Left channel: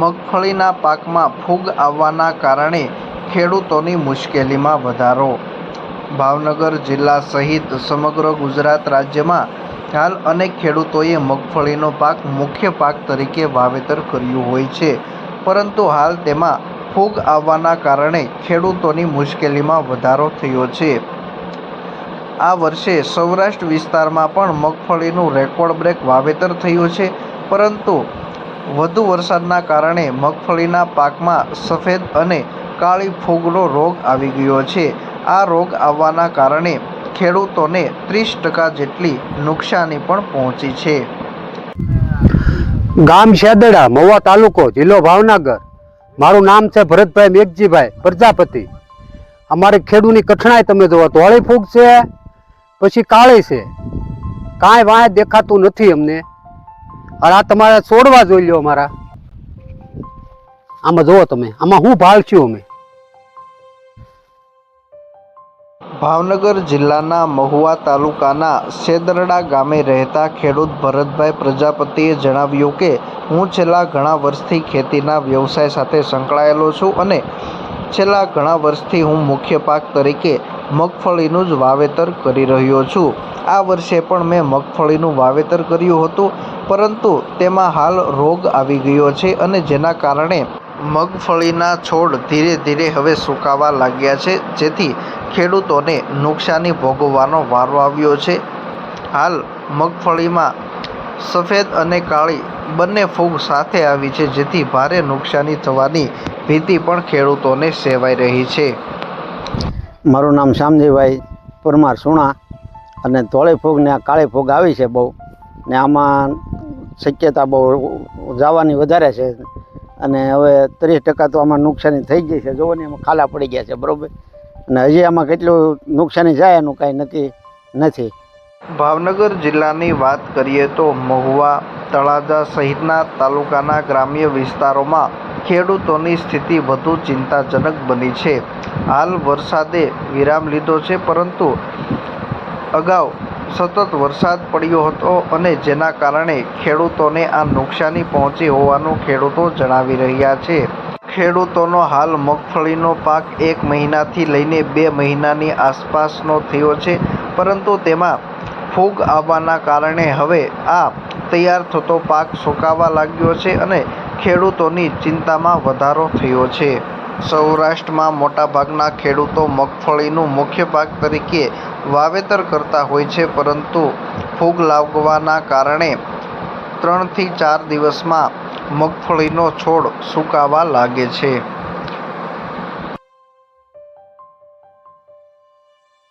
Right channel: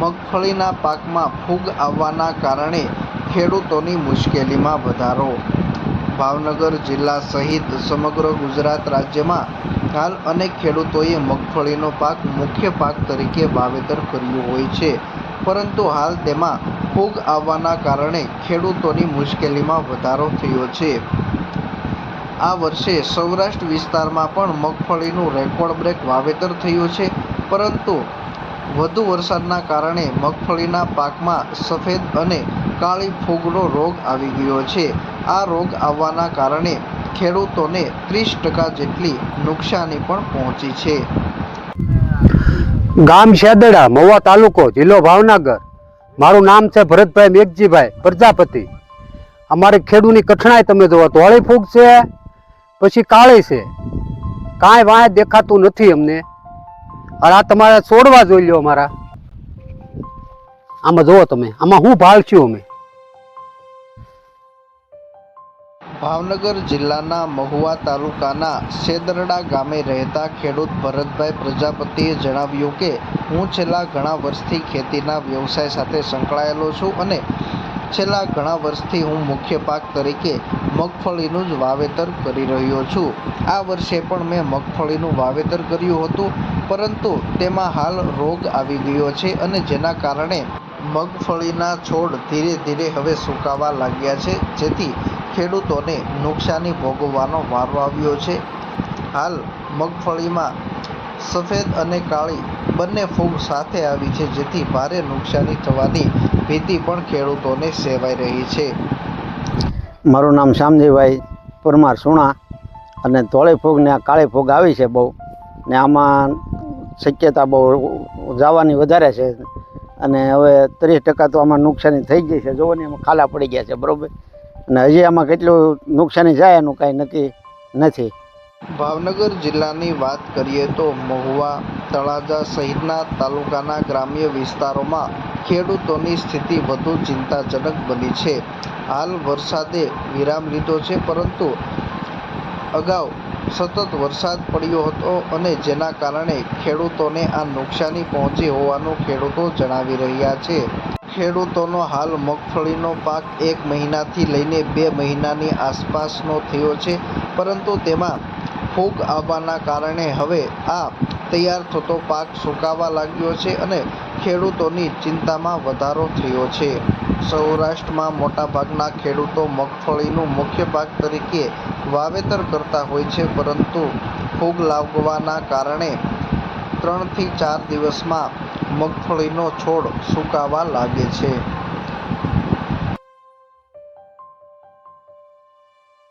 મગફળીના પાકમાં ફૂગ આવવાના કારણે ખેડૂતોની મુશ્કેલીમાં વધારો. ભાવનગર જિલ્લા સહિત સમગ્ર ગુજરાત રાજ્યમાં હાલ અનેક ખેડૂતોએ મગફળીનો પાક મુખ્ય પાક તરીકે વાવેતર કર્યું હોય છે, પરંતુ હાલ તેમાં ફૂગ આવવાના કારણે ખેડૂતોની મુશ્કેલીમાં વધારો થયો છે. આ વર્ષે સૌરાષ્ટ્ર વિસ્તારમાં પણ મગફળીનું રેકોર્ડ બ્રેક વાવેતર થયું છે, પરંતુ વધુ વરસાદના કારણે મગફળીના પાકમાં સફેદ અને કાળી ફૂગનો રોગ આવી ગયો છે. આ રોગ આવવાના કારણે ખેડૂતોને 30% જેટલી નુકસાની પણ પહોંચી છે. ગામ શેદડા, મહુવા તાલુકો, જિલ્લો ભાવનગર. મારું નામ છે ભરતભાઈ મેઘજીભાઈ પ્રજાપતિ. અમારે ખેડૂતની કઠણાઈ તમે જોવો, ધોળી ફૂગ છે, પછી કાળી છે, કાંઈ વાંહે દેખાતું નથી અમને. અને આ તમારે છોડવા જોઈ લો અમારા. આમાં જોવો તમે, આમાં હું ભાળશું અમે. ભાવનગર જિલ્લાના મહુવા તાલુકાના શેદરડા ગામે રહેતા ખેડૂત ભરતભાઈ પ્રજાપતિએ જણાવ્યું કે હું છેલ્લા ઘણા વર્ષથી ખેતીના વ્યવસાય સાથે સંકળાયેલો છું અને છેલ્લા ઘણા વર્ષથી હું મુખ્ય પાક તરીકે મગફળીનું જ વાવેતર કરી રહ્યો છું. આ વર્ષે પણ મેં મગફળીનું વાવેતર કર્યું હતું, પરંતુ તેમાં હાલ રોગ આવી ગયો છે અને જેના કારણે મગફળીના છોડ ધીરે ધીરે હવે સુકાવા લાગ્યા છે, જેથી ખેડૂતોને નુકસાની ભોગવવાનો વારો આવ્યો છે. હાલ મગફળીમાં સફેદ અને કાળી બંને ફૂગ સાથે આવી છે, જેથી ભારે નુકસાની થવાની ભીતિ પણ ખેડૂતોને સેવાઈ રહી છે. મારું નામ શામજીભાઈ પરમાર સુણા, અને ધોળી ફૂગ ને કાળી ફૂગ આવી છે બહુ, ને આમાં શક્યતા બહુ જવાની વધારે છે. અને હવે 30% તો આમાં નુકસાની થઈ ગઈ છે. જોવો ને એમાં ખાલા પડી ગયા છે, બરાબર. અને હજી આમાં કેટલું નુકસાની જાય એનું કાંઈ નક્કી નથી. ભાવનગર જિલ્લાની વાત કરીએ તો મહુવા, તળાજા સહિતના તાલુકાના ગ્રામ્ય વિસ્તારોમાં ખેડૂતોની સ્થિતિ વધુ ચિંતાજનક બની છે. હાલ વરસાદે વિરામ લીધો છે, પરંતુ અગાઉ સતત વરસાદ પડ્યો હતો અને જેના કારણે ખેડૂતોને આ નુકસાની પહોંચી હોવાનું ખેડૂતો જણાવી રહ્યા છે. ખેડૂતોનો હાલ મગફળીનો પાક 1 મહિનાથી લઈને 2 મહિનાની આસપાસનો થયો છે, પરંતુ તેમાં ફૂગ આવવાના કારણે હવે આ તૈયાર થતો પાક સુકાવા લાગ્યો છે અને ખેડૂતોની ચિંતામાં વધારો થયો છે. સૌરાષ્ટ્રમાં મોટાભાગના ખેડૂતો મગફળીનું મુખ્ય પાક તરીકે વાવેતર કરતા હોય છે, પરંતુ ફૂગ લાગવાના કારણે 3 થી 4 દિવસમાં મગફળીનો છોડ સુકાવા લાગે છે.